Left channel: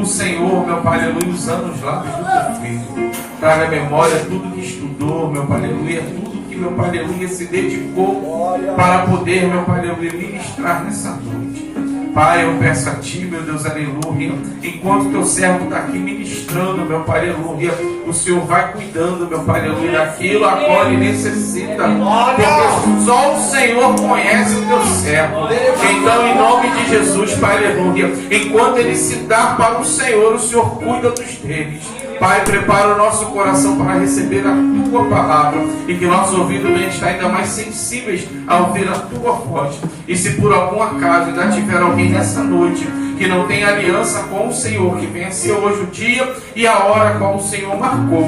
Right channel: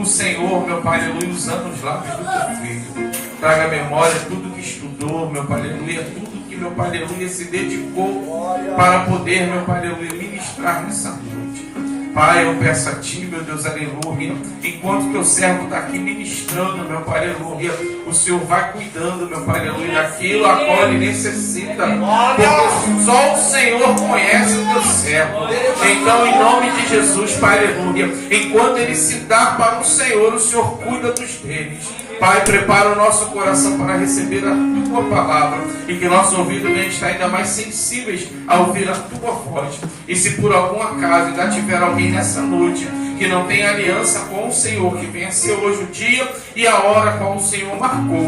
o Senhor, meu Pai, aleluia, usando os lábios do teu filho. Traga à memória tudo que estudou, meu Pai, aleluia, tudo que, meu Pai, aleluia, se dedicou para poder, meu Pai, aleluia, ministrar nessa noite. Pai, eu peço a Ti, meu Deus, aleluia, enquanto Teu servo está aqui ministrando, meu Pai, aleluia, o Senhor vai cuidando, meu Pai, aleluia, daquilo a qual Ele necessita, porque só o Senhor conhece Teu servo. Então, em nome de Jesus, Pai, aleluia, enquanto Ele se dá para o Senhor cuida dos teus. Pai, prepara o nosso coração para receber a Tua palavra e que nossos ouvidos venham estar ainda mais sensíveis a ouvir a Tua voz. E se por algum acaso ainda tiver alguém nessa noite que não tem aliança com o Senhor, que venha ser hoje o dia e a hora qual o Senhor marcou,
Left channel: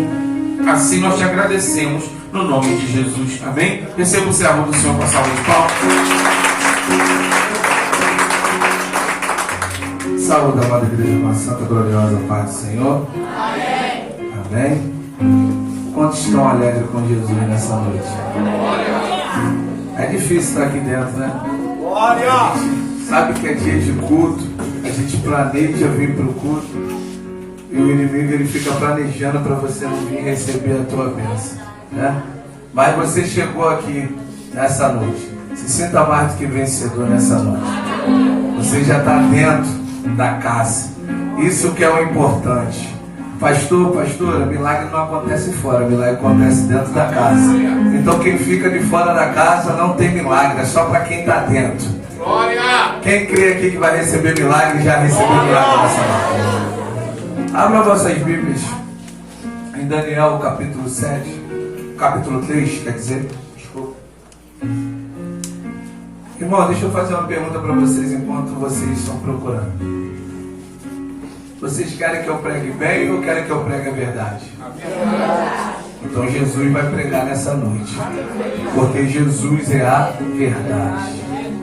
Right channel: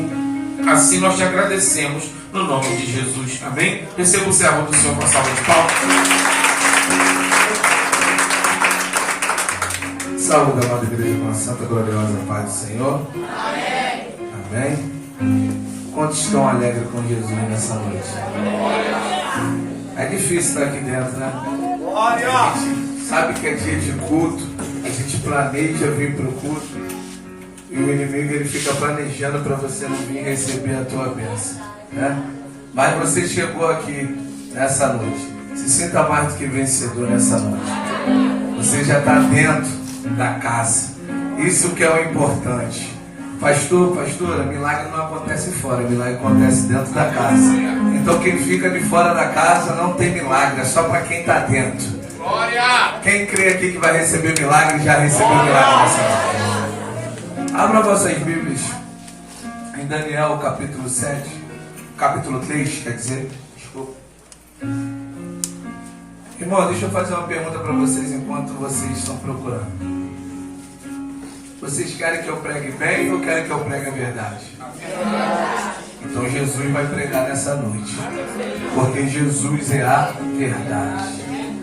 assim nós te agradecemos no nome de Jesus. Amém? Receba o servo do Senhor com a salva de palmas. Saúde, amada igreja, com a santa gloriosa paz do Senhor. Amém. Amém. Quantos estão alegres com Jesus nessa noite? É difícil estar aqui dentro, né? Glória! Sabe que é dia de culto, a gente planeja vir para o culto e o inimigo ele fica planejando para você não vir receber a tua bênção, né? Mas você chegou aqui nessa noite, se sinta mais do que vencedor nessa noite. Você já está dentro da casa. Isso que é o importante. Pastor, pastora, milagre não acontece fora, milagre acontece dentro da casa. Então quem fica de fora da casa não tem milagre, é só para quem está dentro. Glória! Quem crê aqui que vai receber milagre, já recebeu milagre nessa noite. Abra vossas Bíblias em Daniel capítulo 7, capítulo 3, quer dizer, desculpa. Irmão, deixa eu fazer uma pergunta para vocês enquanto vocês estão procurando. Vocês querem que eu pregue bem ou querem que eu pregue a verdade? A verdade. Então Jesus vai pregar nessa noite, porque Jesus é a verdade.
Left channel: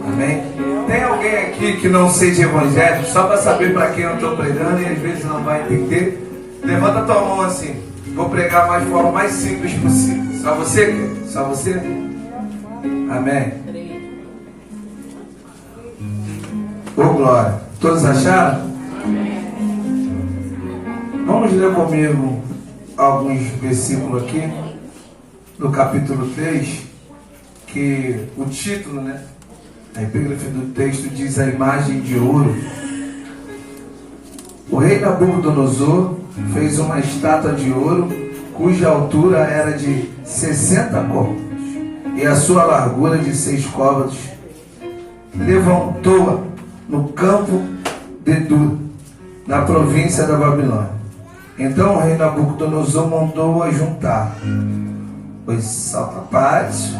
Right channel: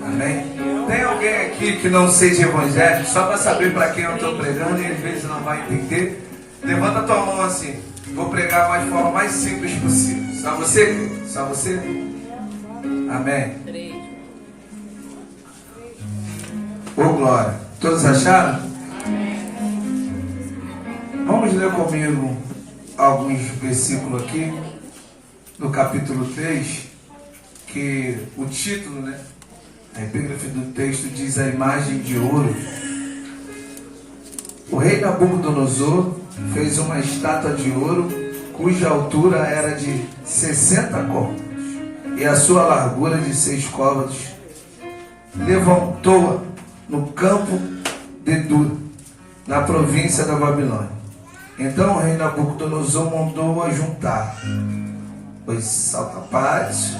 Amém? Tem alguém aqui que não seja evangélico, só para saber para quem eu estou pregando e às vezes não vai entender? Levanta a tua mão assim. Vou pregar mais de forma mais simples possível. Só você? Só você? Amém? Ô glória. Todos acharam? Vamos ler comigo alguns versículos aqui, no capítulo 3, que o título, né? A epígrafe do texto diz a imagem de ouro. O rei Nabucodonosor fez uma estátua de ouro, cuja altura era de 60 côvados, e a sua largura de 6 côvados. Levantou-a no campo de Dura, na província da Babilônia. Então o rei Nabucodonosor mandou-a juntar os satrapas,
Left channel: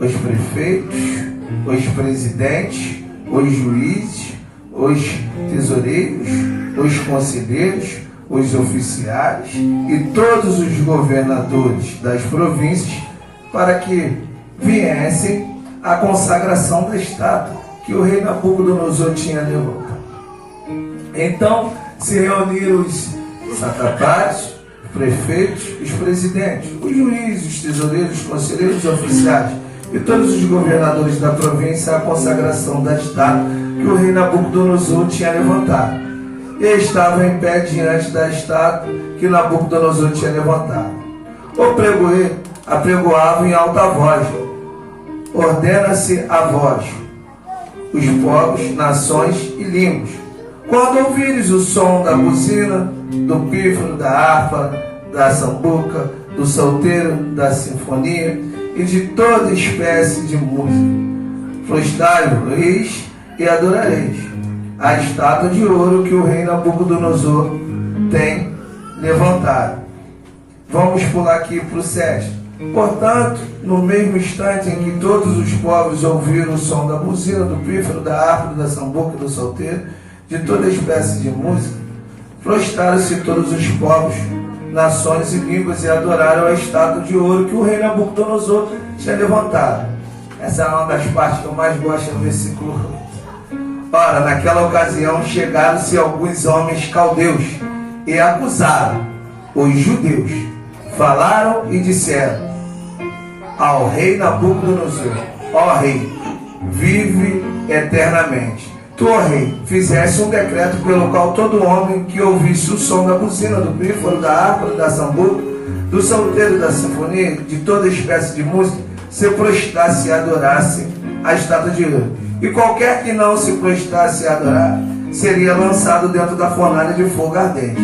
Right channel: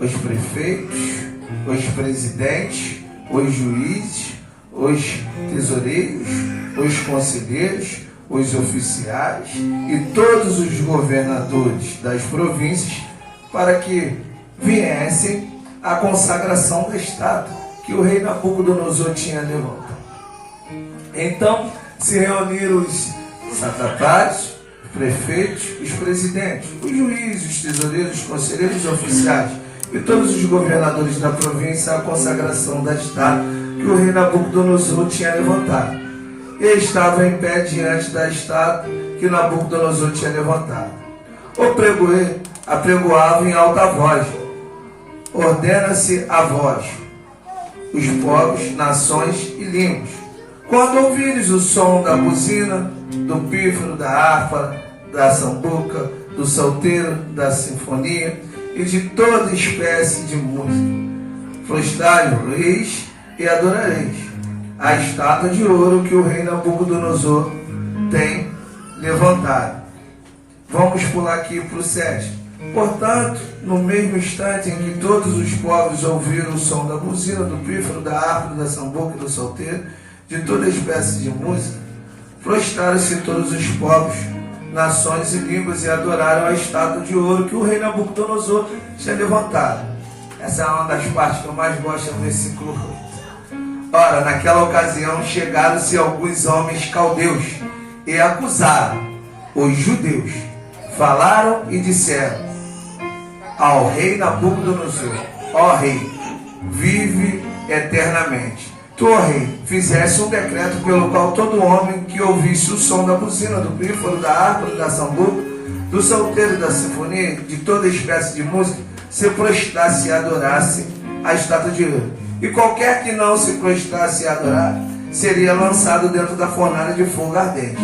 os prefeitos, os presidentes, os juízes, os tesoureiros, os conselheiros, os oficiais e todos os governadores das províncias para que viessem à consagração da estátua que o rei Nabucodonosor tinha levantado. Então se reuniram os satrapas, os prefeitos, os presidentes, os juízes, os tesoureiros, os conselheiros, os oficiais e todos os governadores da província à consagração da estátua que o rei Nabucodonosor tinha levantado. E estava em pé diante da estátua que Nabucodonosor tinha levantado. O pregoeiro apregoava em alta voz: ordena-se a vós, os povos, nações e línguas, quando ouvires o som da buzina, do pífano, da harpa, da sambuca, do salteiro, da sinfonia e de toda espécie de música, prostrai-vos e adorareis a estátua de ouro que o rei Nabucodonosor tem levantado. Vamos pular aqui para o 7. Portanto, no mesmo instante em que todos os povos ouviram o som da buzina, do pífano, da harpa, da sambuca e do salteiro, de toda espécie de música, prostraram-se todos os povos, nações e línguas e adoraram a estátua de ouro que o rei Nabucodonosor tinha levantado. Essa é uma das partes que eu mais gosto do versículo 8. Ora, naquela ocasião chegaram-se alguns homens caldeus e acusaram os judeus. Falaram e disseram ao rei Nabucodonosor: ó rei, vive eternamente. tu, ó rei, fizesse um decreto pelo qual todo homem que ouvisse o som da buzina, do pífaro, da harpa, da sambuca, do salteiro, da sinfonia, de toda espécie de música, se prostrasse e adorasse a estátua de ouro. E qualquer que não se prostrasse e adorar, seria lançado dentro da fornalha de fogo ardente.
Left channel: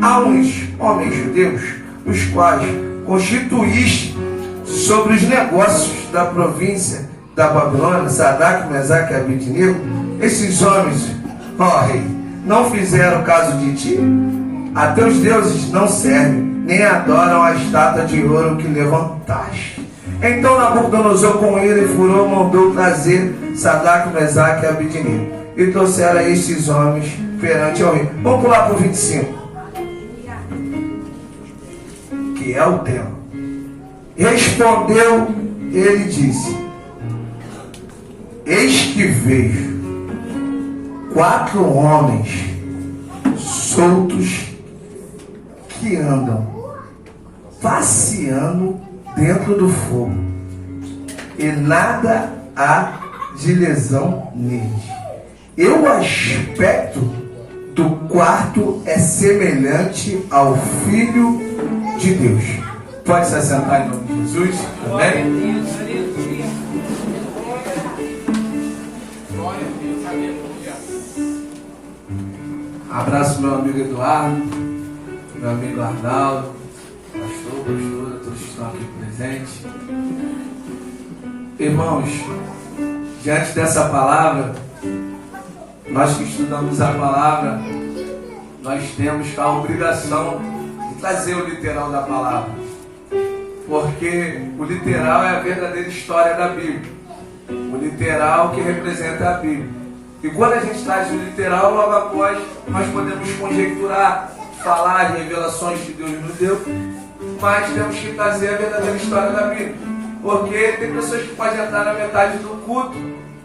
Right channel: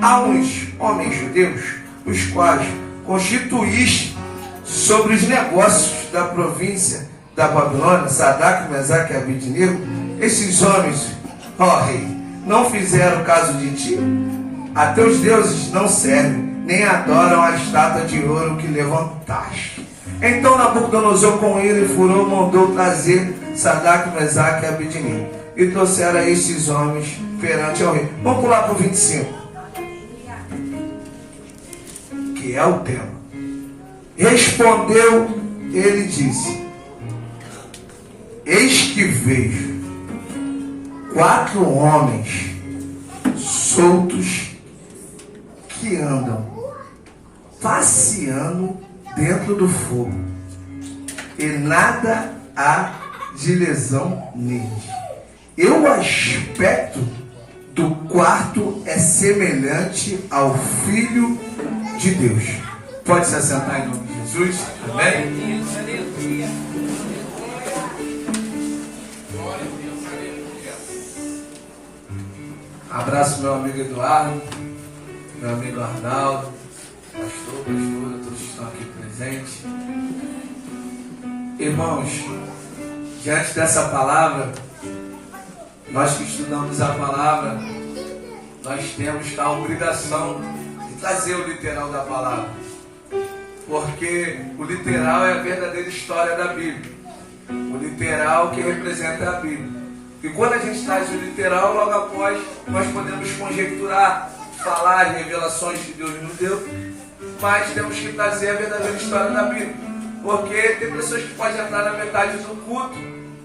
Há uns homens judeus, os quais constituíste sobre os negócios da província da Babilônia, Sadraque, Mesaque e Abednego. Esses homens, ó rei, não fizeram caso de ti? A teus deuses não servem, nem adoram a estátua de ouro que levantaste. Então Nabucodonosor com ele furor mandou trazer Sadraque, Mesaque e Abednego, e trouxeram estes homens perante ao rei. Vamos pular para o 25, que é o tema. Respondeu, ele disse: eis que vejo 4 homens soltos que andam passeando dentro do fogo, e nada há de lesão neles. E o aspecto do quarto é semelhante ao Filho de Deus. Pode se assentar em nome de Jesus. Amém? Abraço meu amigo Eduardo, meu amigo Arnaldo, pastor, pastora, todos que estão aqui presentes. Irmãos, diante dessa palavra, nós que estudamos a palavra, nós temos a obrigação de trazer o literal da palavra, porque o literal é a verdadeira história da Bíblia, o literal que representa a Bíblia. E quando a gente traz o literal, logo após nós podemos conjecturar, falar revelações que Deus nos deu, mas temos que trazer a verdadeira história da Bíblia, porque tem pessoas que podem entrar na metade do culto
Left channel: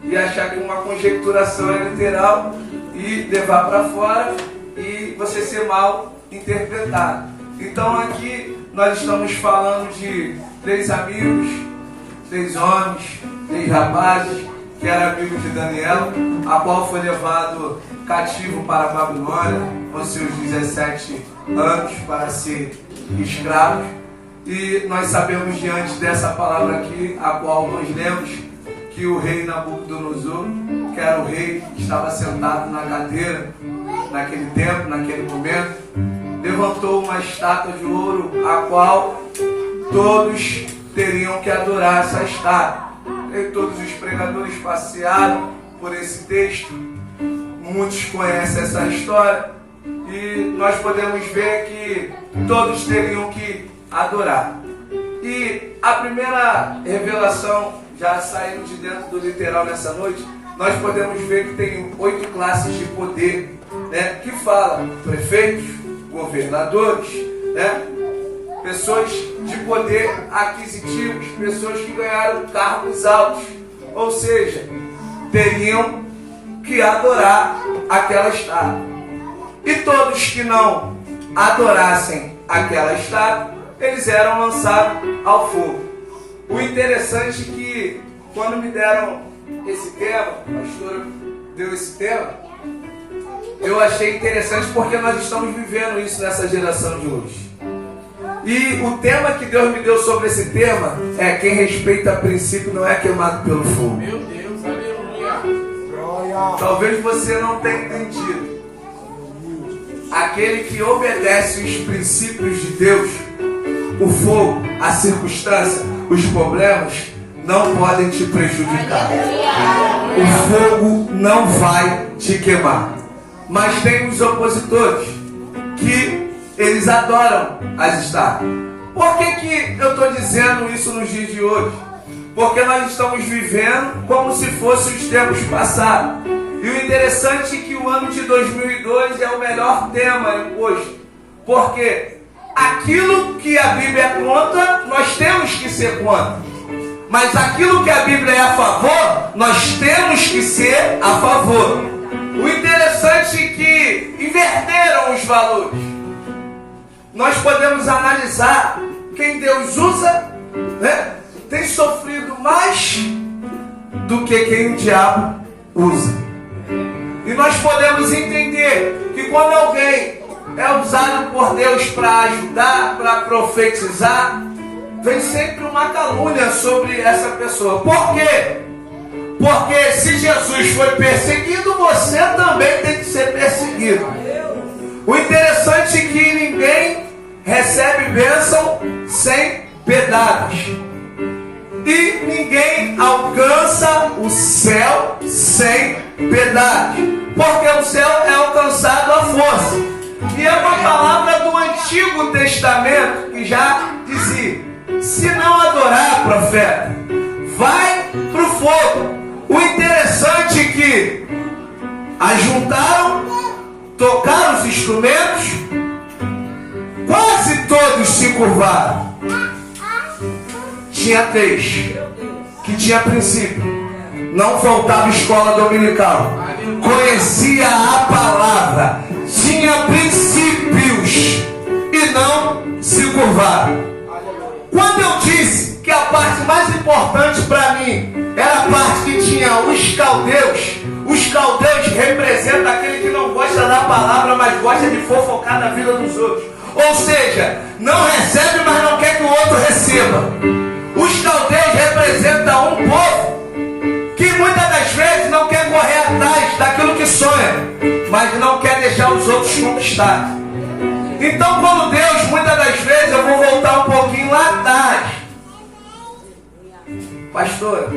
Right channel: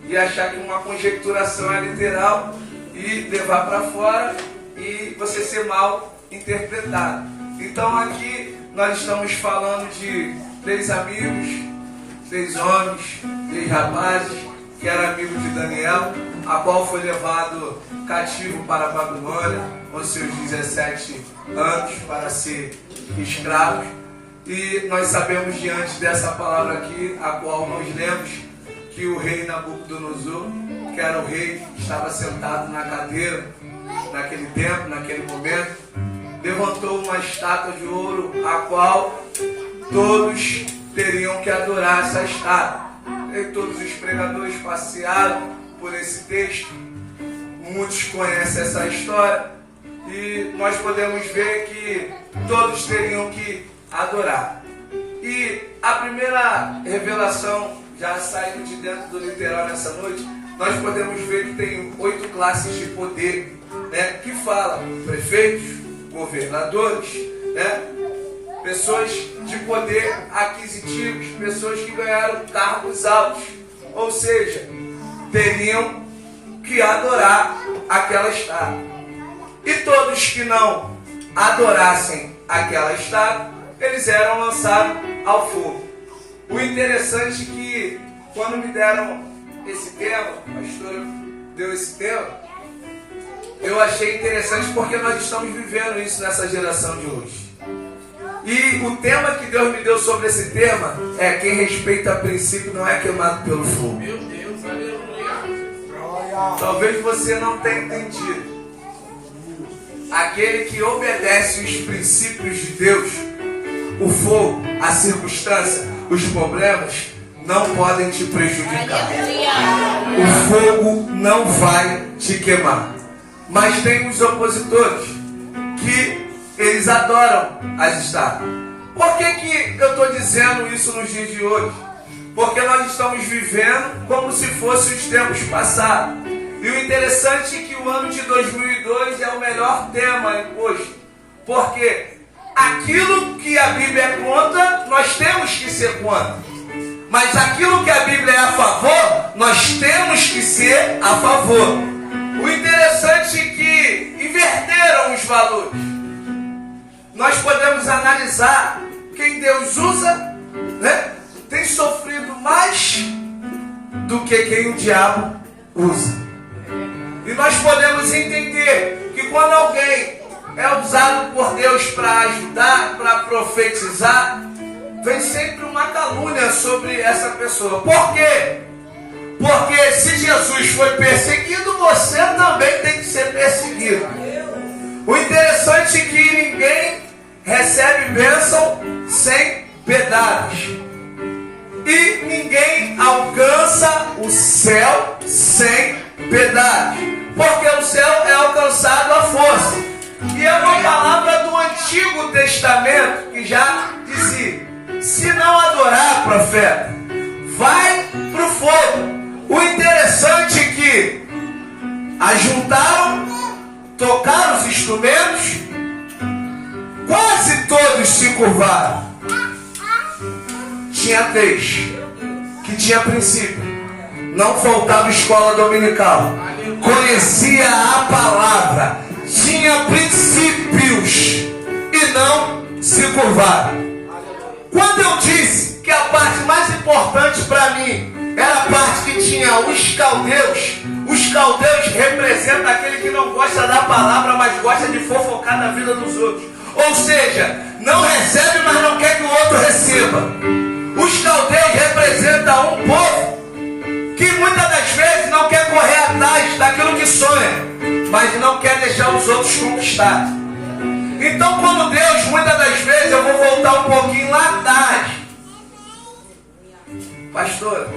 e achar que uma conjecturação é literal e levar para fora e você ser mal interpretado. Então aqui nós estamos falando de 3 amigos, 3 homens, 3 rapazes, que era amigo de Daniel, a qual foi levado cativo para a Babilônia com seus 17 anos para ser escravos. E nós sabemos diante dessa palavra aqui, a qual nós lemos, que o rei Nabucodonosor, que era o rei que estava sentado na cadeira naquele tempo, naquele momento, levantou uma estátua de ouro, a qual todos teriam que adorar essa estátua. E todos os pregadores passearam por esse texto, muitos conhecem essa história, e nós podemos ver que todos teriam que adorar. E a primeira revelação, já saindo de dentro do literal nessa noite, nós podemos ver que tem 8 classes de poder, né, que fala prefeitos, governadores, né, pessoas de poder aquisitivos, pessoas que ganharam cargos altos, ou seja, teriam que adorar aquela estátua. E todos que não adorassem aquela estátua, eles eram lançados ao fogo. O interessante é que quando me deram esse tema, a pastora deu esse tema, eu achei interessante porque nós estamos vivendo isso nessa geração de hoje. E o tema que Deus me deu sobre esse tema é: quem respeita a princípio não é queimado pelo fogo. Meu Deus, aleluia. Talvez você não tenha entendido. Aquele que obedece os princípios de Deus, o fogo, a circunstância, os problemas não podem te prejudicar. O fogo não vai te queimar. Mas tem os opositores que eles adoram as estátuas. Por que eu estou dizendo isso nos dias de hoje? Porque nós estamos vivendo como se fossem os tempos passados. E o interessante é que o ano de 2002 é o melhor tema hoje. Porque aquilo que a Bíblia é contra, nós temos que ser contra. Mas aquilo que a Bíblia é a favor, nós temos que ser a favor. O interessante é que inverteram os valores. Nós podemos analisar quem Deus usa, né, tem sofrido mais do que quem o diabo usa. E nós podemos entender que quando alguém é usado por Deus para ajudar, para profetizar, vem sempre uma calúnia sobre essa pessoa. Por quê? Porque se Jesus foi perseguido, você também tem que ser perseguido. O interessante é que ninguém recebe bênção sem pedaços. E ninguém alcança o céu sem pedaços. Porque o céu é alcançado à força. E é uma palavra do Antigo Testamento que já dizia: se não adorar, profeta, vai para o fogo. O interessante é que ajuntaram, tocaram os instrumentos, quase todos se curvaram. Tinha 3 que tinha princípio, não faltava escola dominical, conhecia a palavra, tinha princípios e não se curvaram. Quando eu disse que a parte mais importante para mim era a parte que tinha os caldeus representam aquele que não gosta da palavra, mas gosta de fofocar na vida dos outros. Ou seja, não recebe, mas não quer que o outro receba. Os caldeus representam um povo que muitas das vezes não quer correr atrás daquilo que sonha, mas não quer deixar os outros conquistar. Então, quando Deus, muitas das vezes, eu vou voltar um pouquinho lá atrás. Pastor,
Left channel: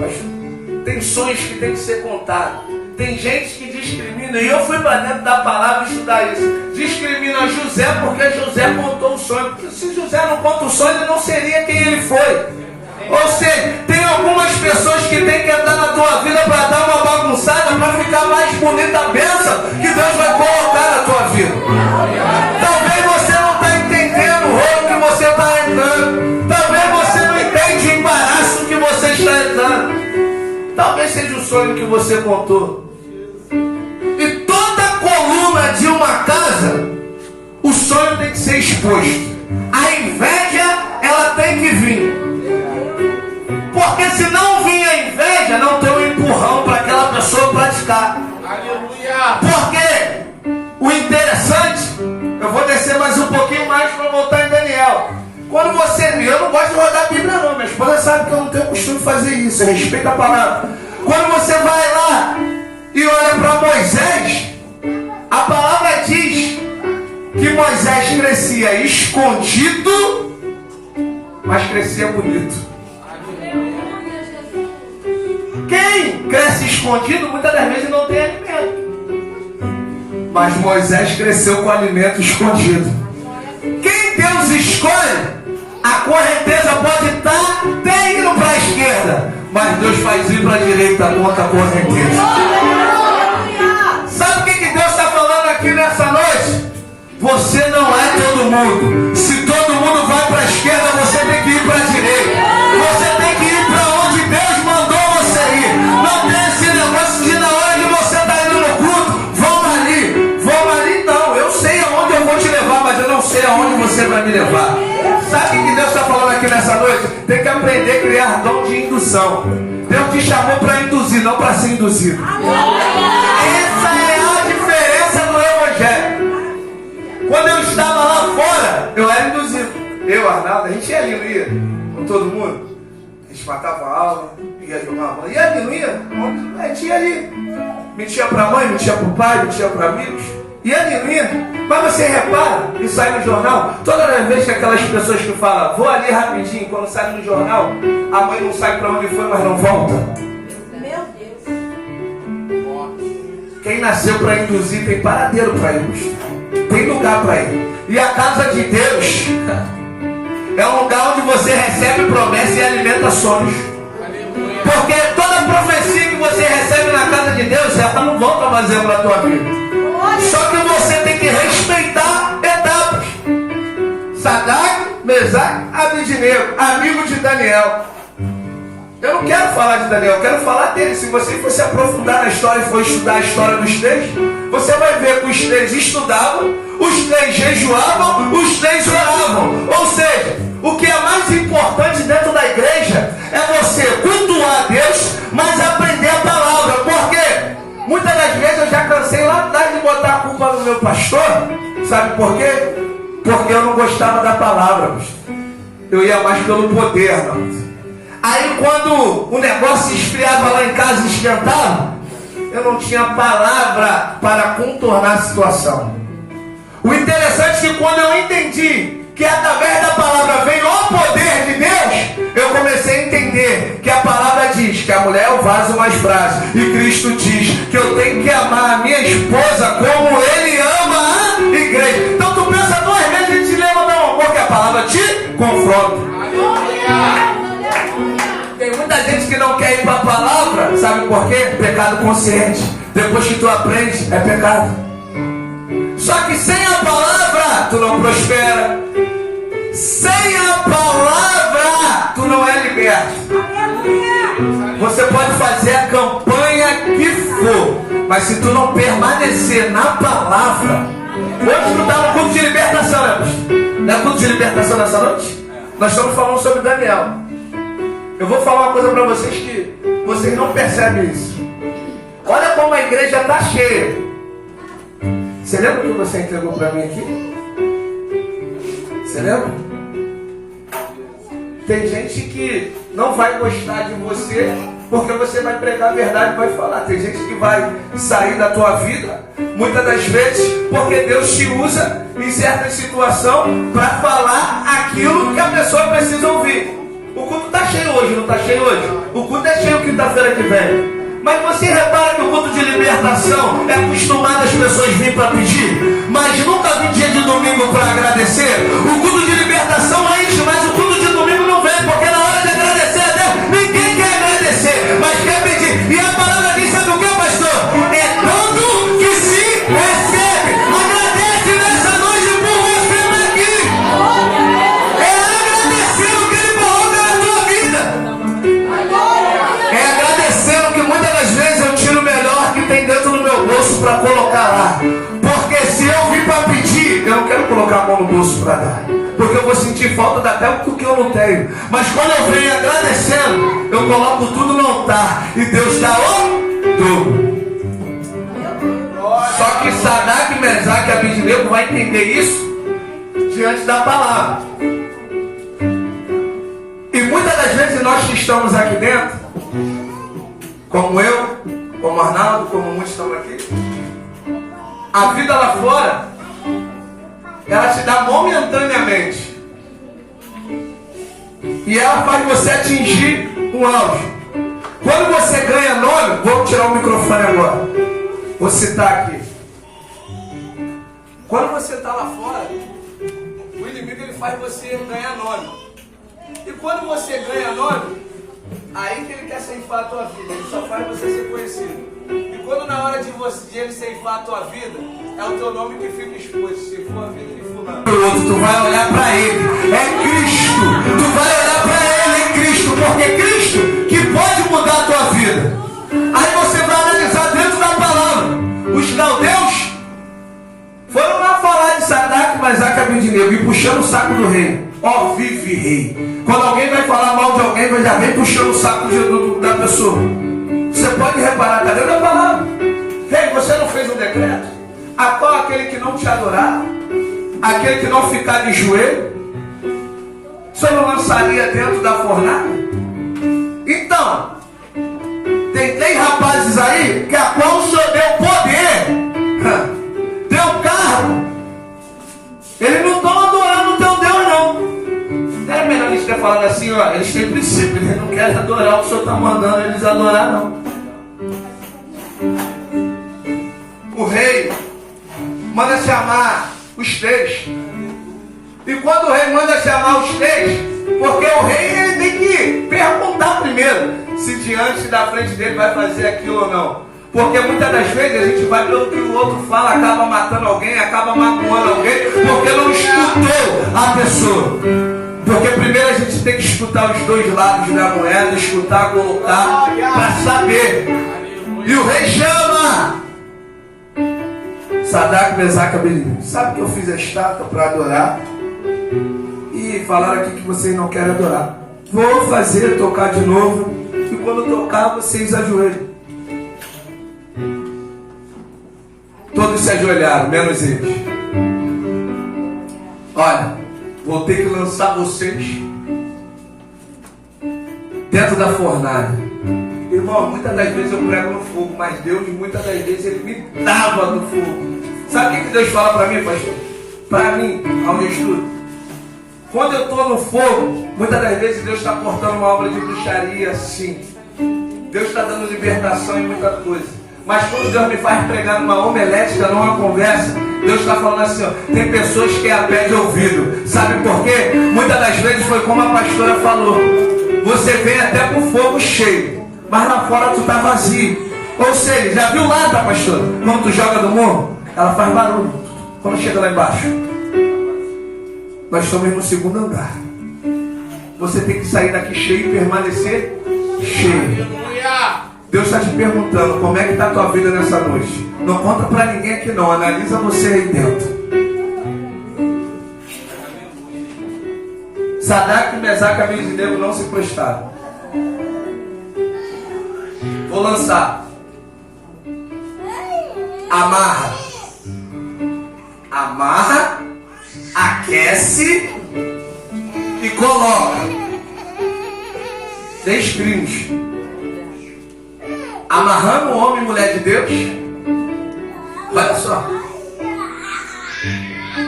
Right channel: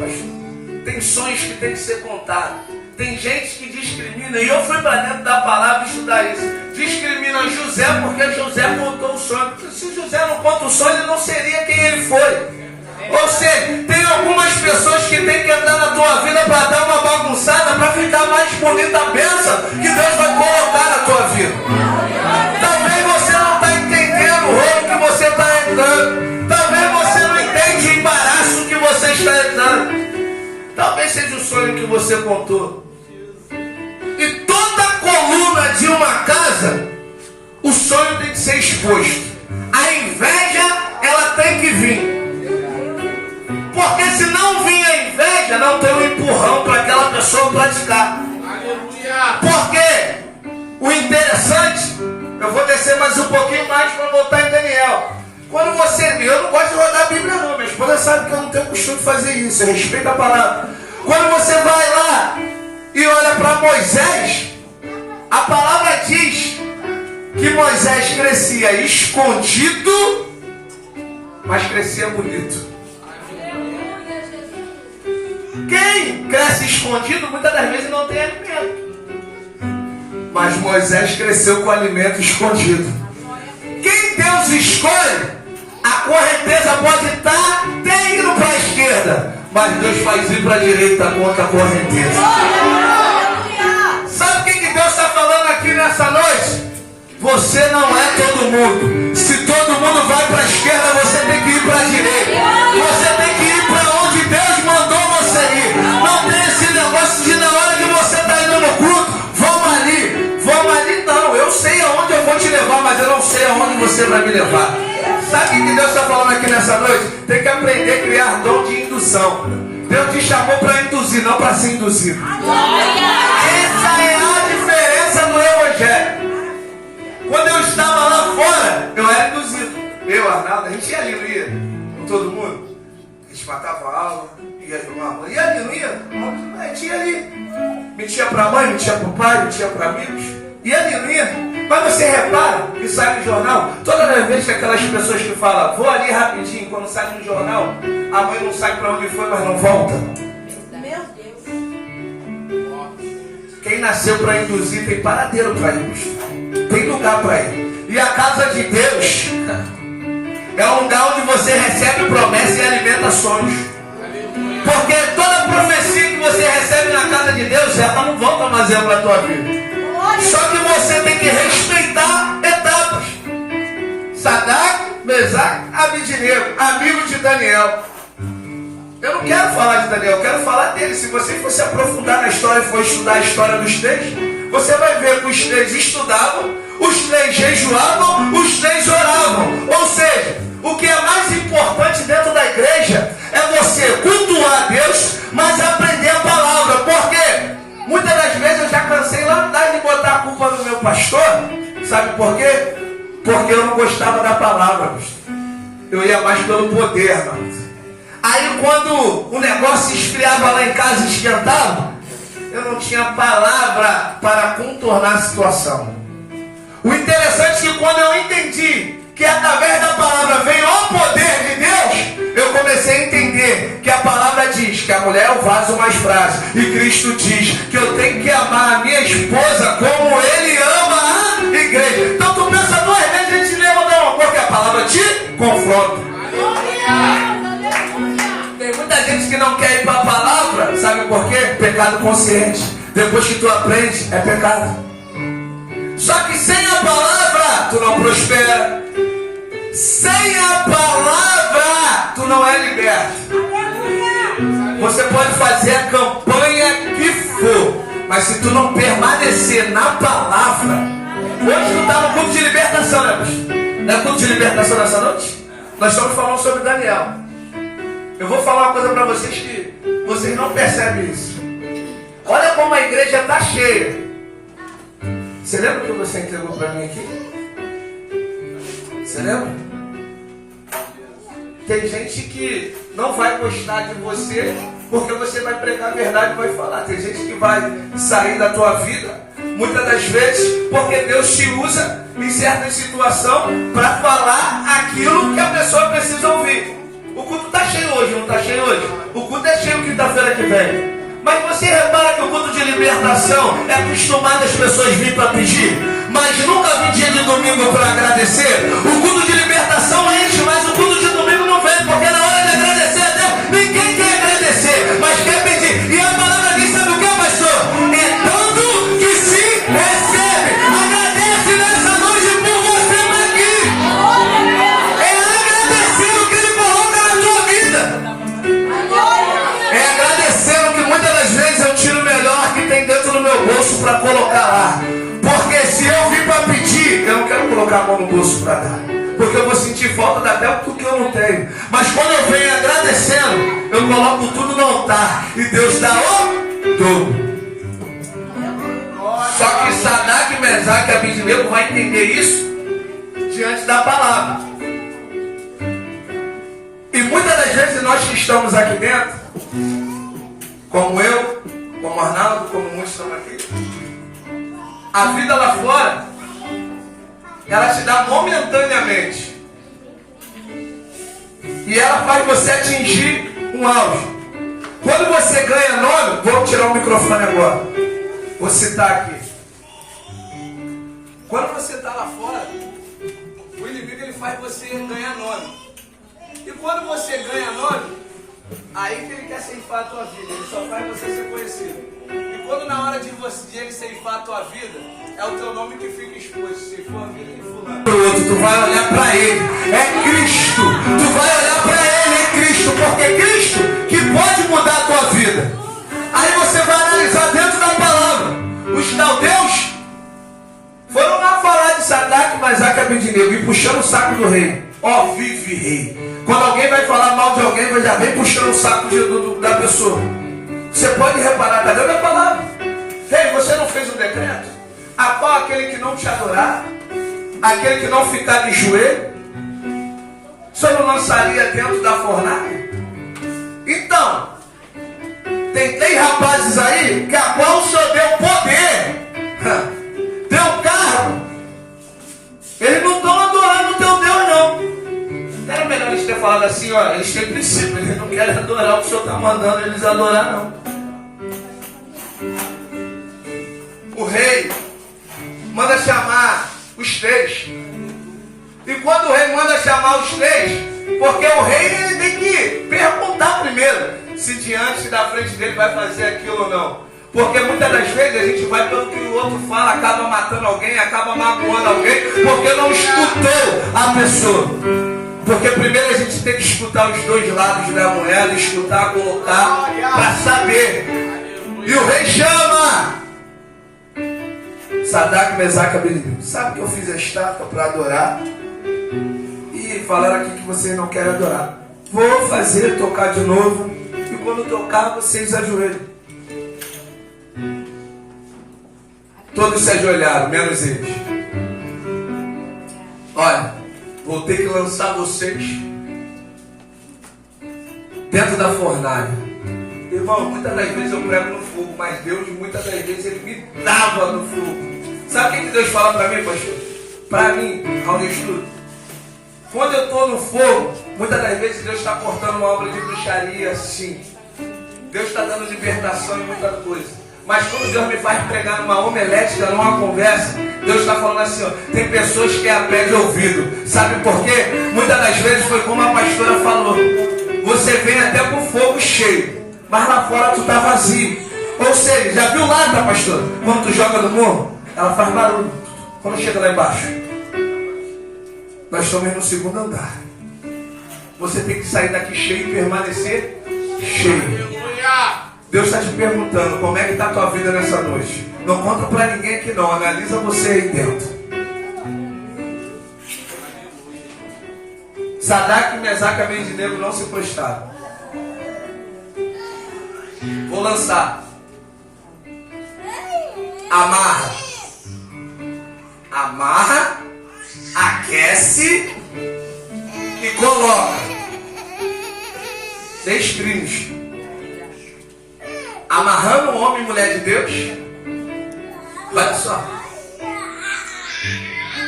tem sonhos que tem que ser contados. Tem gente que discrimina, e eu fui para dentro da palavra estudar isso. Discrimina José porque José contou o sonho. Se José não conta o sonho, ele não seria quem ele foi. Ou seja, tem algumas pessoas que tem que entrar na tua vida para dar uma bagunçada, para ficar mais bonita a bênção que Deus vai colocar na tua vida. Talvez você não está entendendo o rolo que você está entrando. Talvez você não entende o embaraço que você está entrando. Talvez seja o sonho que você contou. E toda coluna de uma casa, o sonho tem que ser exposto. A inveja, ela tem que vir. Porque se não vir a inveja, não tem um empurrão para aquela pessoa praticar. Aleluia! Porque o interessante, eu vou descer mais um pouquinho mais para voltar em Daniel. Quando você lê, eu não gosto de rodar a Bíblia não, minha esposa sabe que eu não tenho costume de fazer isso, eu respeito a palavra. Quando você vai lá e olha para Moisés, a palavra diz que Moisés crescia escondido, mas crescia bonito. Quem cresce escondido, muitas das vezes não tem alimento. Mas Moisés cresceu com alimento escondido. Quem Deus escolhe, a correnteza pode estar até indo para a esquerda, mas Deus faz ir para a direita contra a correnteza. Sabe o que Deus está falando aqui nessa noite? Você não é todo mundo. Se todo mundo vai para a esquerda, você tem que ir para a direita. Você tem que ir para onde Deus mandou você ir. Não tem esse negócio de na hora que você está indo no culto, vamos ali não. Eu sei aonde eu vou te levar, mas eu não sei aonde você vai me levar. Sabe o que Deus está falando aqui nessa noite? Tem que aprender a criar dom de indução. Deus te chamou para induzir, não para ser induzido. Essa é a diferença do evangelho. Quando eu estava lá fora, eu era induzido. Eu, Arnaldo, a gente ia ali, não ia? Com todo mundo. A gente matava a aula, ia jogar bola. Ia ali, não ia? A gente ia ali. Mentia para a mãe, mentia para o pai, mentia para amigos. Ia ali, não ia? Mas você repara que sai no jornal, toda vez que aquelas pessoas que falam, vou ali rapidinho, quando sai no jornal, a mãe não sabe para onde foi, mas não volta. Meu Deus. Quem nasceu para induzir tem paradeiro para ir. Tem lugar para ir. E a casa de Deus é um lugar onde você recebe promessa e alimenta sonhos. Porque toda profecia que você recebe na casa de Deus, ela não volta mais para a tua vida. Só que você tem que respeitar etapas. Sadraque, Mesaque, Abednego, amigo de Daniel. Eu não quero falar de Daniel, eu quero falar dele. Se você for se aprofundar na história e for estudar a história dos 3, você vai ver que os 3 estudavam, os 3 jejuavam, os 3 oravam. Ou seja, o que é mais importante dentro da igreja é você cultuar a Deus, mas aprender a palavra. Por quê? Muitas das vezes eu eu já cansei lá atrás de botar a culpa no meu pastor. Sabe por quê? Porque eu não gostava da palavra, pastor. Eu ia mais pelo poder, não. Aí quando o negócio esfriava lá em casa e esquentava, eu não tinha palavra para contornar a situação. O interessante é que quando eu entendi que através da palavra vem o poder de Deus, eu comecei a entender que a palavra diz que a mulher é o vaso mais frágil, e Cristo diz que eu tenho que amar a minha esposa como Ele ama a igreja. Então tu pensa duas vezes, a gente leva do amor, que a palavra te confronta. Tem muita gente que não quer ir para a palavra, sabe por quê? Pecado consciente. Depois que tu aprende, é pecado. Só que sem a palavra, tu não prospera. Sem a palavra, tu não é liberto. Você pode fazer a campanha que for, mas se tu não permanecer na palavra. Hoje tu está no culto de libertação, né, pastor? Não é culto de libertação nessa noite? Nós estamos falando sobre Daniel. Eu vou falar uma coisa para vocês que vocês não percebem isso. Olha como a igreja está cheia. Você lembra que você entregou para mim aqui? Você lembra? Tem gente que não vai gostar de você porque você vai pregar a verdade e vai falar. Tem gente que vai sair da tua vida, muitas das vezes, porque Deus te usa em certa situação para falar aquilo que a pessoa precisa ouvir. O culto está cheio hoje, não está cheio hoje? O culto é cheio quinta-feira que vem. Mas você repara que o culto de libertação é acostumado as pessoas virem para pedir, mas nunca vem dia de domingo para agradecer. O culto de libertação é isso, mas o culto de domingo não vem, porque na hora de agradecer a Deus, ninguém quer agradecer, mas quer pedir. E a palavra diz, sabe o que, pastor? É dando que se recebe. Agradece nessa noite por você estar aqui. É agradecer o que Ele coloca na tua vida. É agradecendo que muitas das vezes eu tiro o melhor que tem dentro do meu bolso para colocar lá. Porque se eu vim para pedir, eu não quero colocar a mão no bolso para dar. Porque eu vou sentir falta daquilo porque eu não tenho. Mas quando eu venho agradecendo, eu coloco tudo no altar. E Deus dá o dobro. Só que Sadraque, Mesaque e Abednego vai entender isso diante da palavra. E muitas das vezes nós que estamos aqui dentro, como eu, como Arnaldo, como muitos estão aqui, a vida lá fora, ela te dá momentaneamente. E ela faz você atingir um auge. Quando você ganha nome, vou tirar o microfone agora. Vou citar aqui. Quando você está lá fora, o inimigo ele faz você ganhar nome. E quando você ganha nome, aí que ele quer ceifar a tua vida. Ele só faz você ser conhecido. E quando na hora de ele ceifar a tua vida, é o teu nome que fica exposto. Se for a vida de fulano, tu vai olhar para ele. É Cristo. Tu vai olhar para ele, é Cristo. Porque é Cristo que pode mudar a tua vida. Aí você vai analisar dentro da palavra. Os caldeus foram lá falar de Sadraque, Mesaque e Abednego e puxando o saco do rei. Ó, vive rei. Quando alguém vai falar mal de alguém, vai já vem puxando o saco da pessoa. Você pode reparar, está dentro da palavra. Rei, você não fez um decreto? A qual aquele que não te adorar, aquele que não ficar de joelho, você não lançaria dentro da fornalha? Então, tem 10 rapazes aí que a qual o Senhor deu poder, deu carro. Eles não estão adorando o teu Deus, não. É melhor eles terem falado assim, ó, eles têm princípio, eles não querem adorar o que o Senhor está mandando eles adorar, não. O rei manda chamar os 3. E quando o rei manda chamar os 3, porque o rei ele tem que perguntar primeiro se diante da frente dele vai fazer aquilo ou não. Porque muitas das vezes a gente vai pelo que o outro fala, acaba matando alguém, acaba magoando alguém, porque não escutou a pessoa. Porque primeiro a gente tem que escutar os dois lados da moeda, escutar, colocar, para saber. E o rei chama Sadraque, Mesaque e Abednego. Sabe que eu fiz a estátua para adorar? E falaram aqui que vocês não querem adorar. Vou fazer, tocar de novo. E quando tocar, vocês ajoelham. Todos se ajoelharam, menos eles. Olha, vou ter que lançar vocês dentro da fornalha. Irmão, muitas das vezes eu prego no fogo, mas Deus, muitas das vezes, Ele me dava no fogo. Sabe o que Deus fala para mim, pastor? Para mim, ao estudo. Quando eu estou no fogo, muitas das vezes Deus está cortando uma obra de bruxaria, sim. Deus está dando libertação em muita coisa. Mas quando Deus me faz pregar numa homilética, numa conversa, Deus está falando assim, ó, tem pessoas que é a pé de ouvido. Sabe por quê? Muitas das vezes foi como a pastora falou. Você vem até com fogo cheio, mas lá fora tu está vazio. Ou seja, já viu lá, tá, pastora? Quando tu joga no morro, ela faz barulho. Quando chega lá embaixo, nós estamos no segundo andar. Você tem que sair daqui cheio e permanecer cheio. Deus está te perguntando como é que está a tua vida nessa noite. Não conta para ninguém aqui não, analisa você aí dentro. Sadraque, Mesaque e Abednego não se prostraram. Vou lançar. Amarra. Amarra, aquece e coloca. 6 crimes. Amarrando o homem e mulher de Deus. Olha só.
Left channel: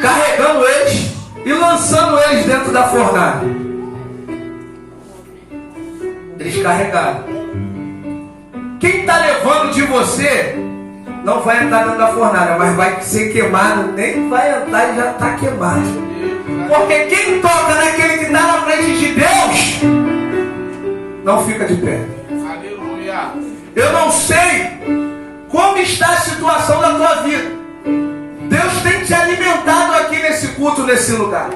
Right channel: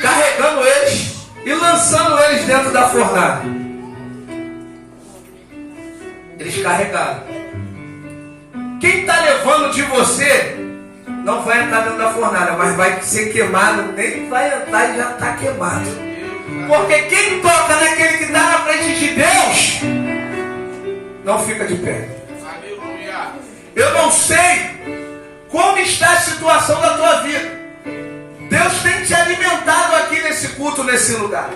Carregando eles e lançando eles dentro da fornalha. Eles carregaram. Quem está levando de você não vai entrar dentro da fornalha, mas vai ser queimado. Nem vai entrar e já está queimado. Porque quem toca naquele que está na frente de Deus não fica de pé. Aleluia. Eu não sei como está a situação da tua vida. Deus tem te alimentado aqui nesse culto, nesse lugar.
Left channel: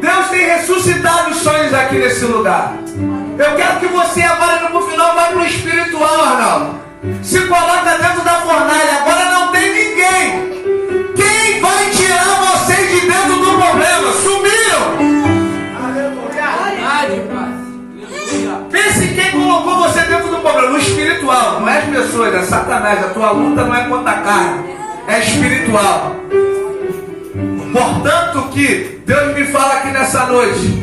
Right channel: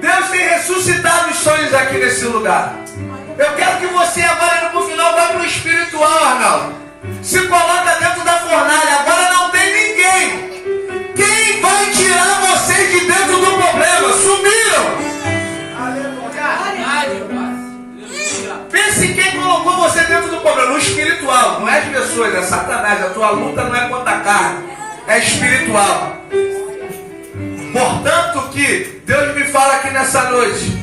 Deus tem ressuscitado os sonhos aqui nesse lugar. Eu quero que você agora no final vá para o espiritual, Arnaldo. Se coloca dentro da fornalha. Agora não tem ninguém. Quem vai tirar vocês de dentro do problema? Sumiram. Pense em quem colocou você dentro do problema. No espiritual, não é as pessoas, é Satanás. A tua luta não é contra a carne, é espiritual. Portanto que Deus me fala aqui nessa noite,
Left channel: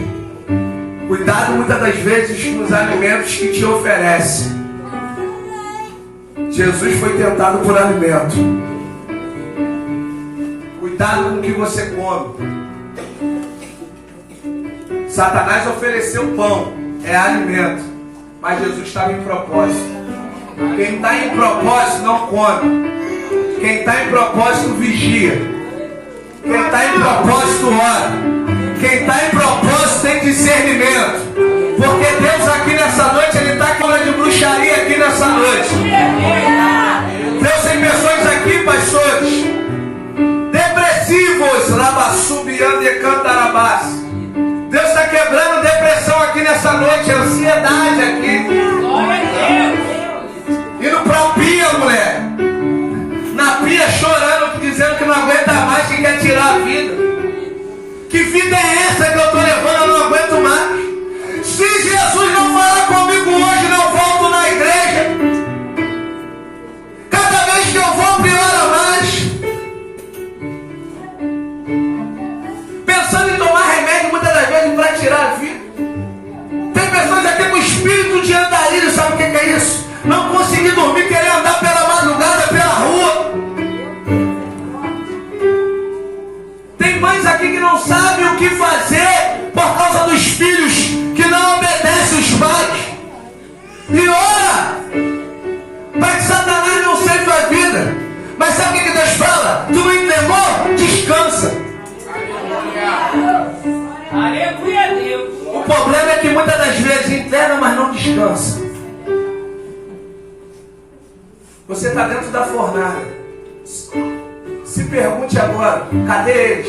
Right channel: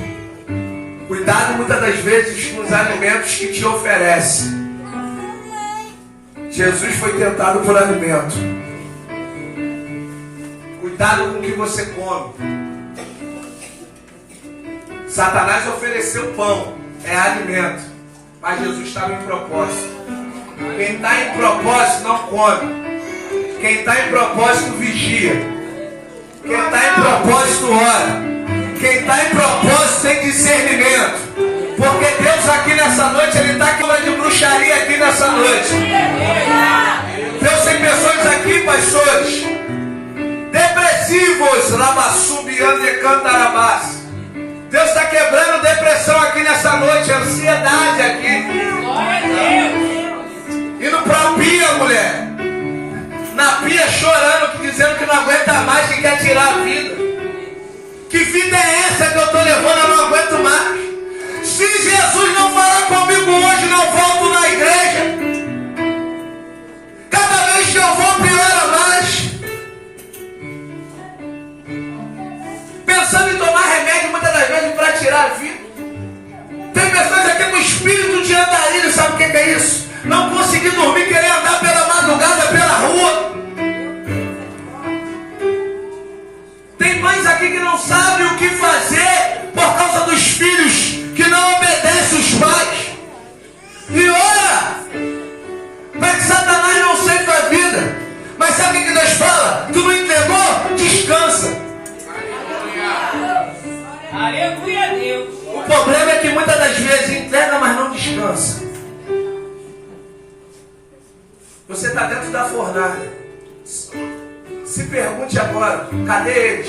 cuidado muitas das vezes com os alimentos que te oferece. Jesus foi tentado por alimento. Cuidado com o que você come. Satanás ofereceu pão, é alimento, mas Jesus estava em propósito. Quem está em propósito não come. Quem está em propósito vigia. Quem está em propósito ora. Quem está em propósito tem discernimento. Porque Deus aqui nessa noite, Ele está falando de bruxaria aqui nessa noite. Deus tem pessoas aqui, pastores, depressivos, rabassubiando e cantarabás. Deus está quebrando depressão aqui nessa noite, ansiedade aqui. Indo para a pia, mulher. Na pia chorando, dizendo que não aguenta mais, que quer tirar a vida. Que vida é essa que eu estou levando? Eu não aguento mais. Se Jesus não falar comigo hoje, não volto na igreja. Cada vez que eu vou, piora mais. Pensando em tomar remédio muitas das vezes para tirar a vida. Tem pessoas aqui com espírito de andarilho, sabe o que é isso? Não conseguir dormir, querer andar pela madrugada, pela rua. Tem mães aqui que não sabem o que fazer por causa dos filhos que não obedecem os pais. E ora para que Satanás não sente a vida. Mas sabe o que Deus fala? Tu não entregou? Descansa. Aleluia, Deus. O problema é que muitas das vezes entrega, mas não descansa. Você está dentro da fornalha. Se pergunte agora, cadê eles?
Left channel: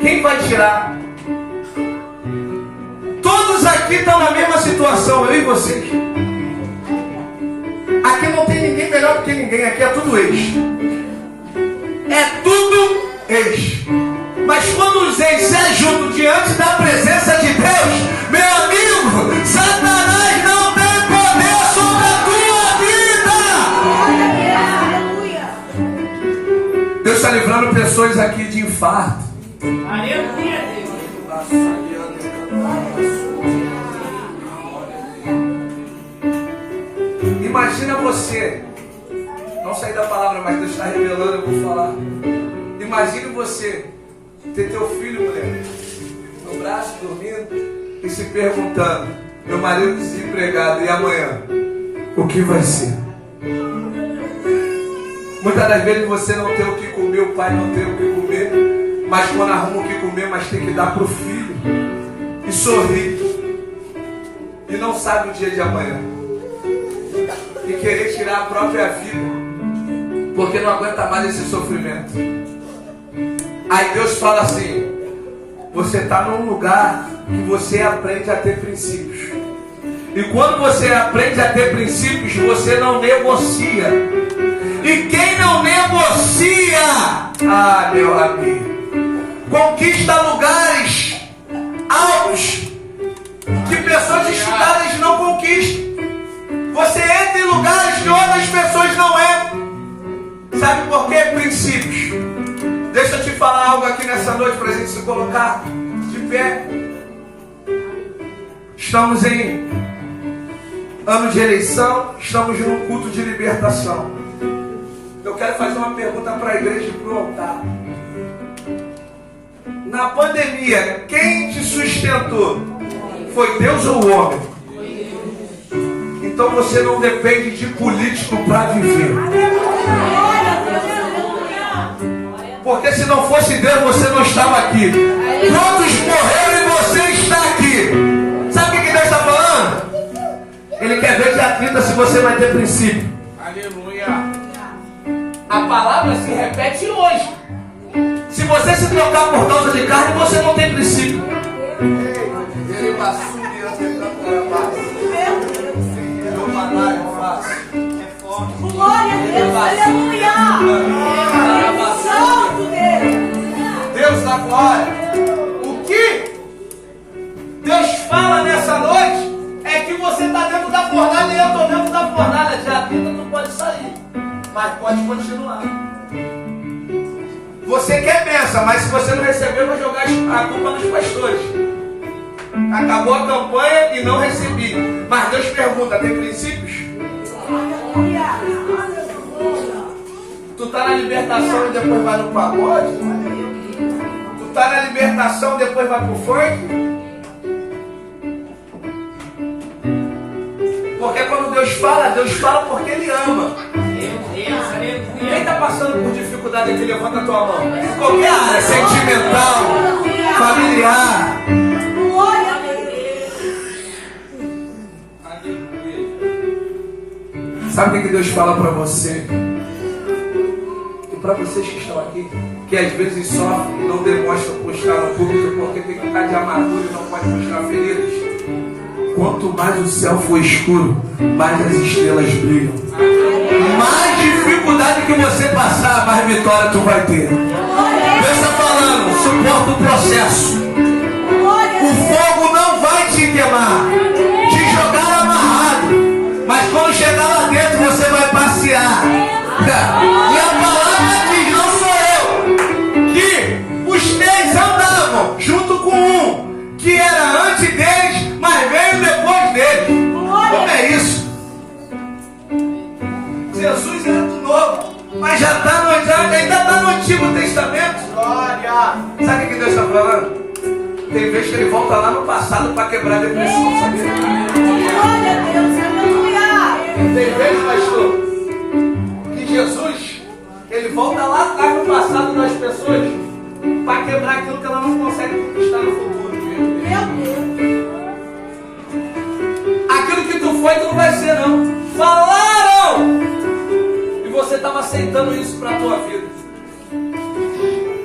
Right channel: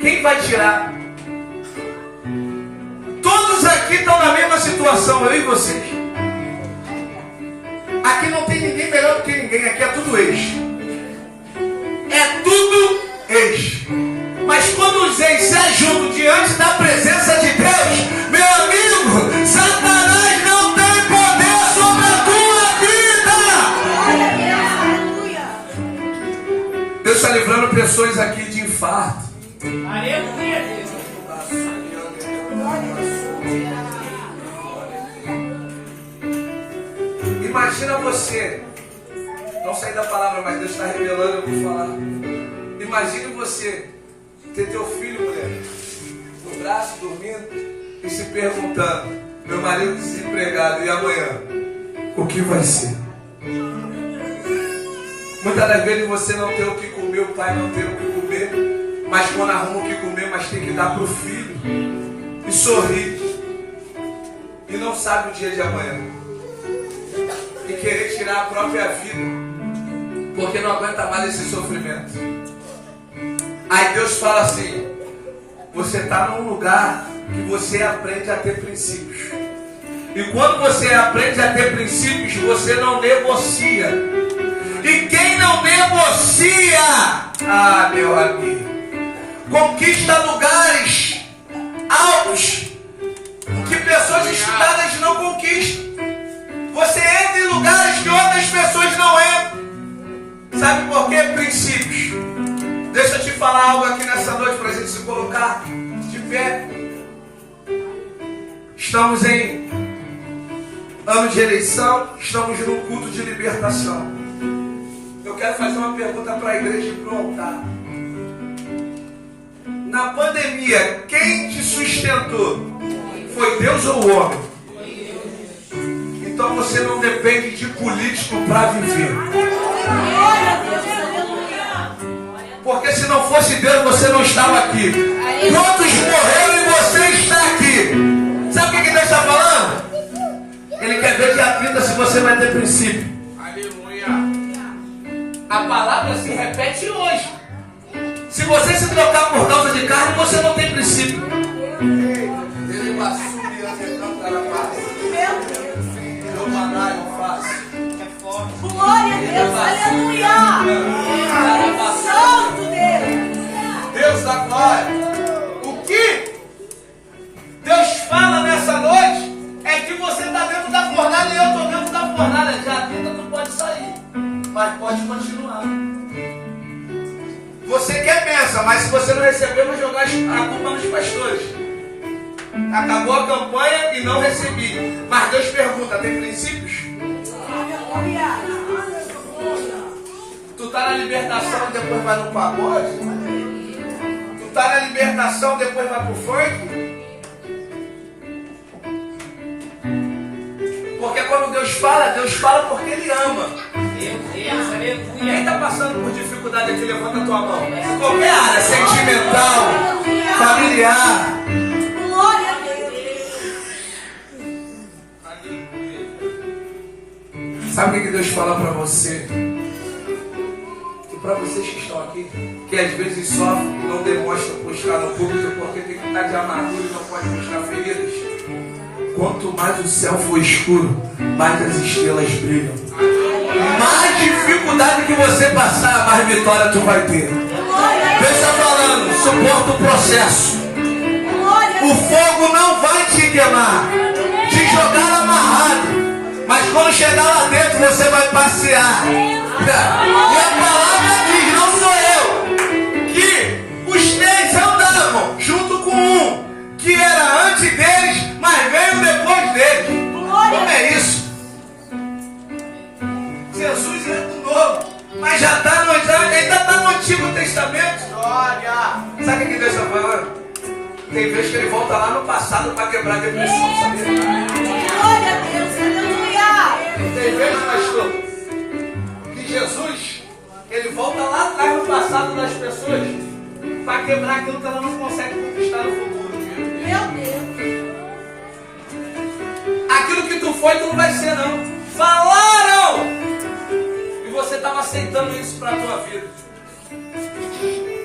Quem vai tirar? Todos aqui estão na mesma situação, eu e vocês. Aqui não tem ninguém melhor do que ninguém, aqui é tudo ex. É tudo ex. Mas quando os ex se juntam diante da presença de Deus, meu amigo, Satanás não tem poder sobre a tua vida. pessoas aqui de infarto. Aleluia, Deus. Imagina você, não sair da palavra, mas Deus está revelando, eu vou falar. Imagina você ter teu filho, mulher, no braço, dormindo, e se perguntando: meu marido desempregado, e amanhã? O que vai ser? Muitas das vezes você não tem o que comer, o pai não tem o que comer, mas quando arruma o que comer, mas tem que dar para o filho. E sorrir. E não sabe o dia de amanhã. E querer tirar a própria vida, porque não aguenta mais esse sofrimento. Aí Deus fala assim: você está num lugar que você aprende a ter princípios. E quando você aprende a ter princípios, você não negocia. E quem não negocia, meu amigo, conquista lugares altos que pessoas estudadas não conquistam. Você entra em lugares que outras pessoas não entram. Sabe por quê? Princípios. Deixa eu te falar algo aqui nessa noite para a gente se colocar de pé. Estamos em ano de eleição, estamos num culto de libertação. Eu quero fazer uma pergunta para a igreja e para o altar. Na pandemia, quem te sustentou? Foi Deus ou o homem? Então você não depende de político para viver. Porque se não fosse Deus, você não estava aqui. Quantos morreram e você está aqui? Sabe o que Deus está falando? Ele quer ver dia 30 se você vai ter princípio. Aleluia. A palavra se repete hoje. Se você se trocar por causa de carne, você não tem princípio. Ele passou Glória a Deus, aleluia! Santo Deus! Deus da glória! O que Deus fala nessa noite é que você está dentro da fornalha e eu estou dentro da fornalha. Já vida não pode sair, mas pode continuar. Você quer bênção, mas se você não receber, eu vou jogar a culpa nos pastores. Acabou a campanha e não recebi. Mas Deus pergunta: tem princípios? Tu tá na libertação e depois vai no pagode? Tu tá na libertação e depois vai pro funk? Porque quando Deus fala porque Ele ama. Quem está passando por dificuldade aqui, levanta a tua mão. Qualquer área, sentimental, familiar. Sabe o que Deus fala para você? E para vocês que estão aqui, que às vezes sofrem e não demonstram por estar no público, porque tem que estar de armadura e não pode mostrar feridas. Quanto mais o céu for escuro, mais as estrelas brilham. Mais dificuldade que você passar, mais vitória tu vai ter. Pensa falando, suporta o processo. O fogo não vai te queimar, te jogar amarrado. Mas quando chegar lá dentro, você vai passear. E a palavra diz, não sou eu, que os três andavam junto com um, que era antes deles, mas veio depois deles. Como é isso? Jesus é do novo, mas já ainda está no Antigo Testamento. Glória! Sabe o que Deus está falando? Tem vezes que Ele volta lá no passado para quebrar a depressão, sabia? Glória a Deus, aleluia! Tem vezes, pastor, que Jesus, Ele volta lá atrás no passado das pessoas para quebrar aquilo que ela não consegue conquistar no futuro. Meu Deus! Aquilo que tu foi, tu não vai ser não. Falaram! E você estava aceitando isso para a tua vida.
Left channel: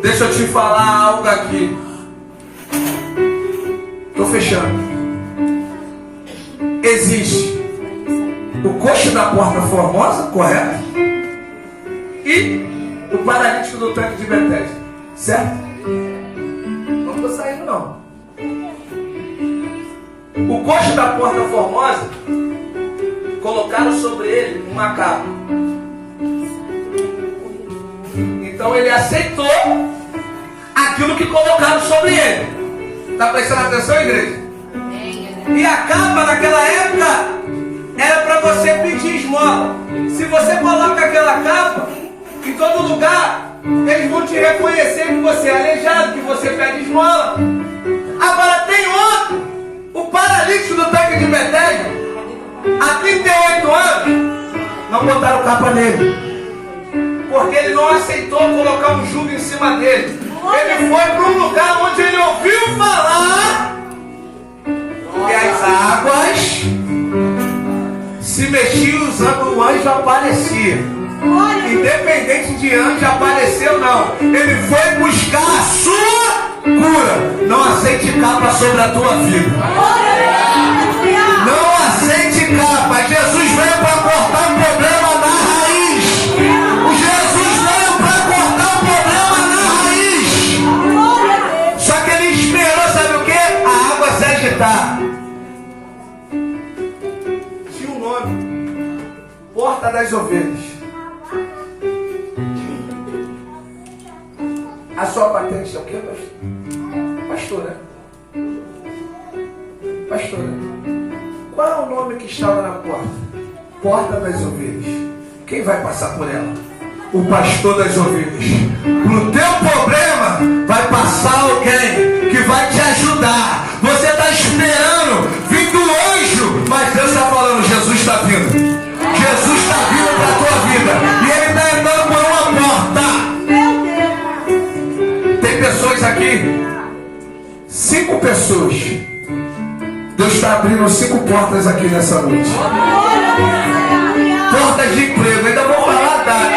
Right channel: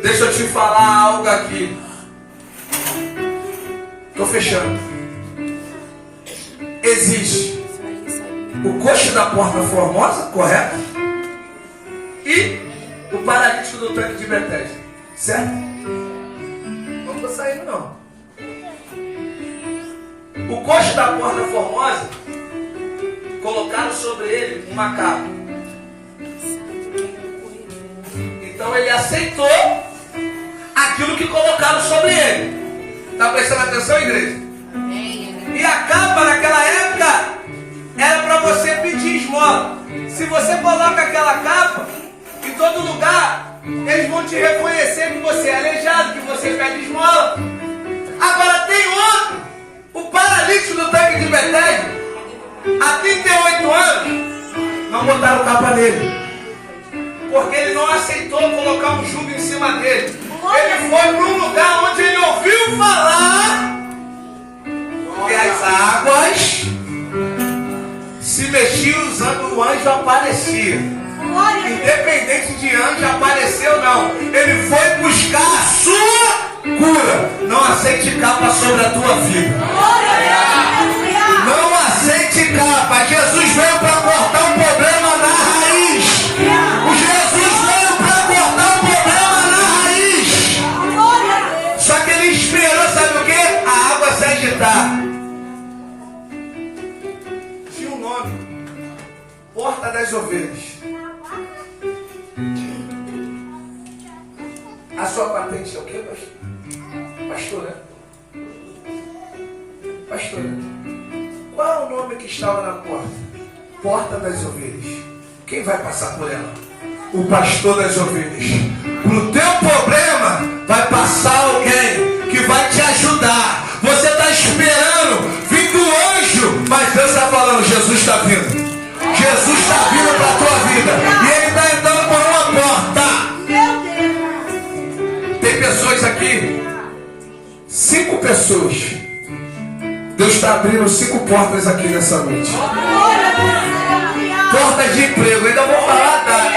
Deixa eu te falar algo aqui. Estou fechando. Existe o coxo da Porta Formosa, correto? E o paralítico do tanque de Betesda, certo? Não estou saindo não. O coxo da Porta Formosa, colocaram sobre ele uma capa. Então ele aceitou aquilo que colocaram sobre ele. Está prestando atenção, igreja? E a capa naquela época era para você pedir esmola. Se você coloca aquela capa em todo lugar, eles vão te reconhecer que você é aleijado, que você pede esmola. Agora tem outro, o paralítico do tanque de Betesda, há 38 anos, não botaram capa nele, porque ele não aceitou colocar um jugo em cima dele. Ele foi para um lugar onde ele ouviu falar que as águas se mexiam, usando o anjo aparecia. Independente de anjo aparecer ou não, ele foi buscar a sua cura. Não aceite capa sobre a tua vida. Não aceite capa. Jesus veio para cortar um problema na raiz. O Jesus veio para cortar um problema na raiz. Só que ele esperou, sabe o que? A água se agitar. Tinha um nome: Porta das Ovelhas. A sua patente é o quê, pastor? Pastora. Pastora. Qual é o nome que estava na porta? Porta das Ovelhas. Quem vai passar por ela? O pastor das ovelhas. Pro teu problema vai passar alguém que vai te ajudar. Você está esperando vir do anjo, mas Deus está falando: Jesus está vindo. Jesus está vindo para a tua vida. E ele está entrando por uma porta. Tem pessoas aqui, 5 pessoas. Deus está abrindo 5 portas aqui nessa noite. Portas de emprego. Ainda vou falar, tá?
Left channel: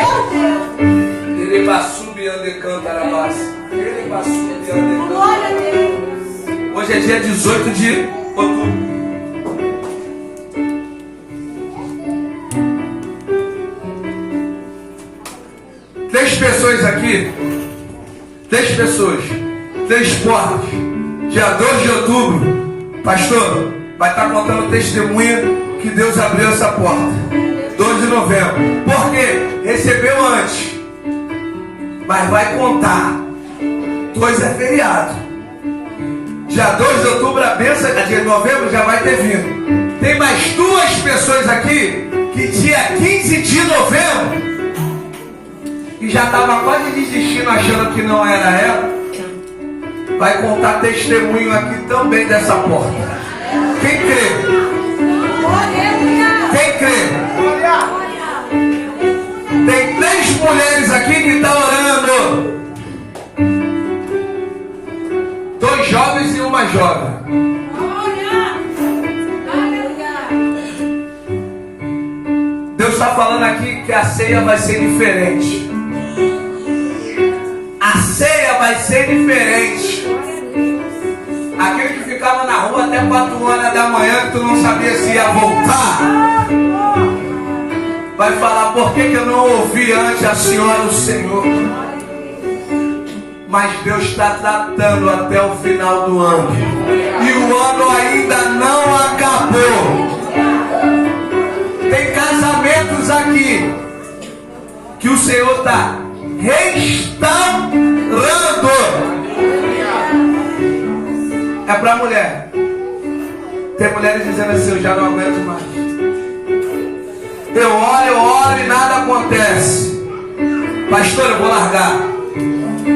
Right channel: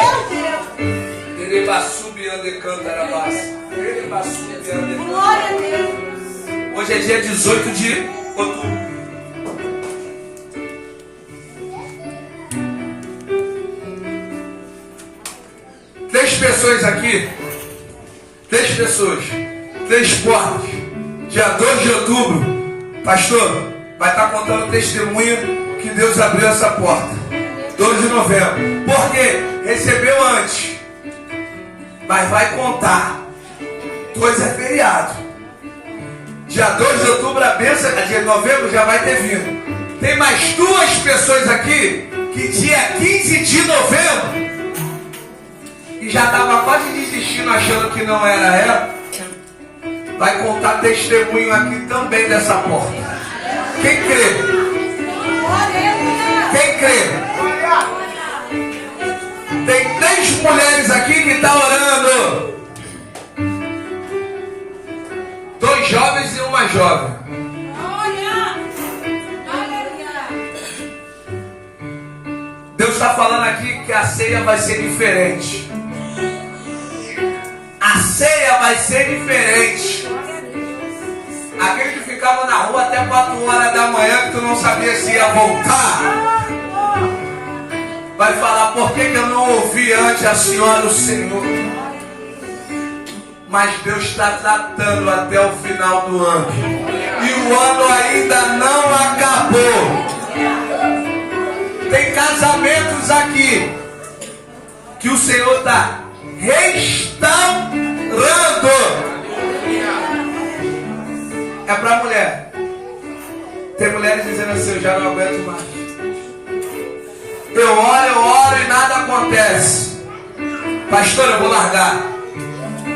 Hoje é dia 18 de outubro. Três pessoas aqui. 3 pessoas. 3 portas. Dia 2 de outubro. Pastor, vai estar contando testemunho que Deus abriu essa porta. 2 de novembro. Por quê? Recebeu antes, mas vai contar. 2 é feriado. Dia 2 de outubro, a bênção, dia de novembro já vai ter vindo. Tem mais 2 pessoas aqui que dia 15 de novembro e já estava quase desistindo, achando que não era ela. Vai contar testemunho aqui também dessa porta. Quem crê? Quem crê? Tem 3 mulheres aqui que estão orando. 2 jovens e uma jovem. Deus está falando aqui que a ceia vai ser diferente. A ceia vai ser diferente. Aquele que ficava na rua até 4 horas da manhã, que tu não sabia se ia voltar, vai falar: por que eu não ouvi antes a senhora, o Senhor? Mas Deus está tratando até o final do ano. E o ano ainda não acabou. Tem casamentos aqui que o Senhor está restaurando. É para mulher. Tem mulheres dizendo assim: eu já não aguento mais. Eu oro e nada acontece. Pastor, eu vou largar.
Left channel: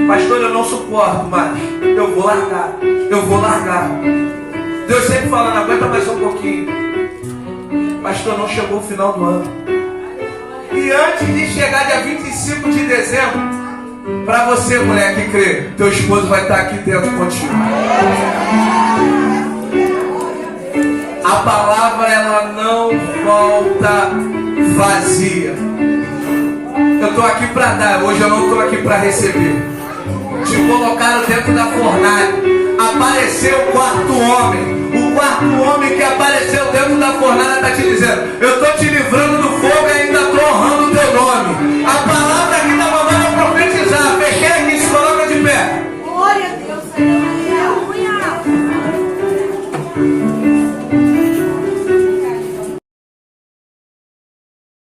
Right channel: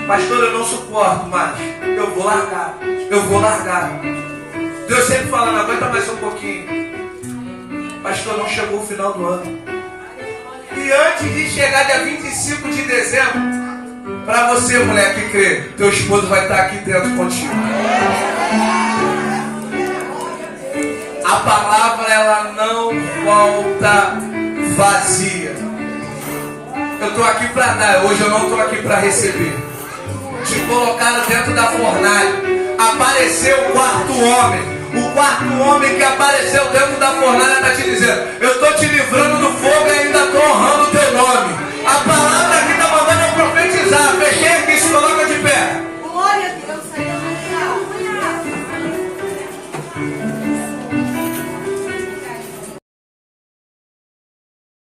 Pastor, eu não suporto mais. Eu vou largar. Eu vou largar. Deus sempre falando: aguenta mais um pouquinho. Pastor, não chegou o final do ano. E antes de chegar dia 25 de dezembro, para você, mulher que crê, teu esposo vai estar aqui dentro contigo. A palavra, ela não volta vazia. Eu estou aqui para dar, hoje eu não estou aqui para receber. Te colocaram dentro da fornalha. Apareceu o 4º homem. O 4º homem que apareceu dentro da fornalha está te dizendo: eu estou te livrando do fogo e ainda estou honrando o teu